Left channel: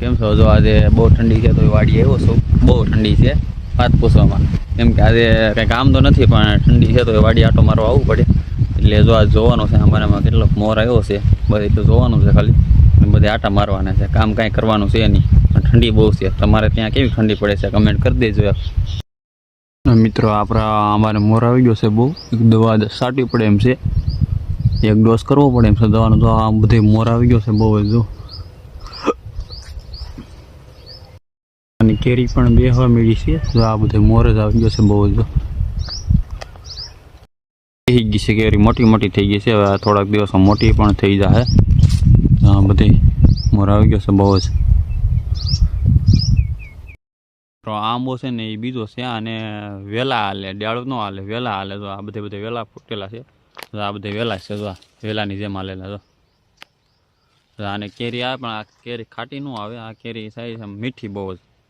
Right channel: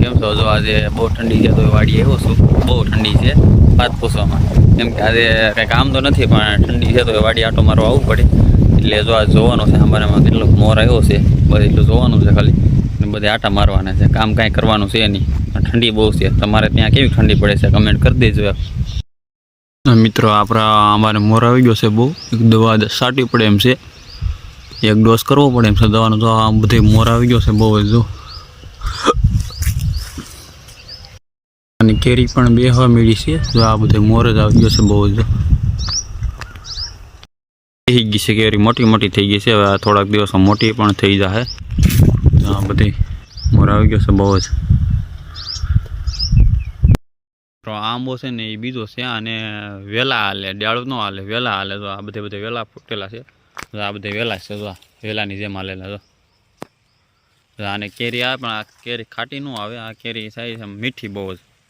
કેમ છો? જો આજે બહુ ઠંડી છે તો વાડીએ આવ્યો છું. બહુ ઠંડી છે વાત પૂછવામાં. કેમ કે આજે કંઈ કામ તો નથી પણ ઠંડી છે તો વાડી આટો મારવા આવવું પડે. એટલે જો આજ જોવાનું છે અમારામાં કેટલોક મોર આવ્યો છે, બસ એટલું જોવાનું છે ખાલી. અને બધે આટા મારવાના છે, કામ કાંઈ કરવાનું છે નહીં. ઠંડી બહુ છે. તમારે ત્યાં કેવી ઠંડી પડે છે કમેન્ટ કરી દેજો. મિત્રો અમારે મોર આવી ગયો છે બહુ. એક દવા છાંટવી પડે એમ છે, એક ડોઝ કરવો પડે એમ છે દવાનો. તો આ બધે મોર આવી ગયો છે બહુ જ. જો અને કેરી પણ બેહવા મળી છે. જો આ બધે મોર જ આવી ગયો છે બહુ જ. થઈ ગઈ છે કેરી, મોટી મોટી થઈ ગઈ છે. હવે થોડાક દિવસમાં મોટી પણ થઈ જશે. આ બધી મોર આવી ગયો છે બહુ જ. આંબો છે ને એ બીજો છે, અને વેલા હાલે, ડાળું ન હાલે, વેલા હાલે. તો આ બધે વેલા ફૂટેલા છે. આ બધે વેલા છે. જો વેલાની જેમ હાલેલા. તો આને કેરી આવે પણ આ કેરી ખાટી ન આવે. આ કેરી સારી મીઠી બહુ જ.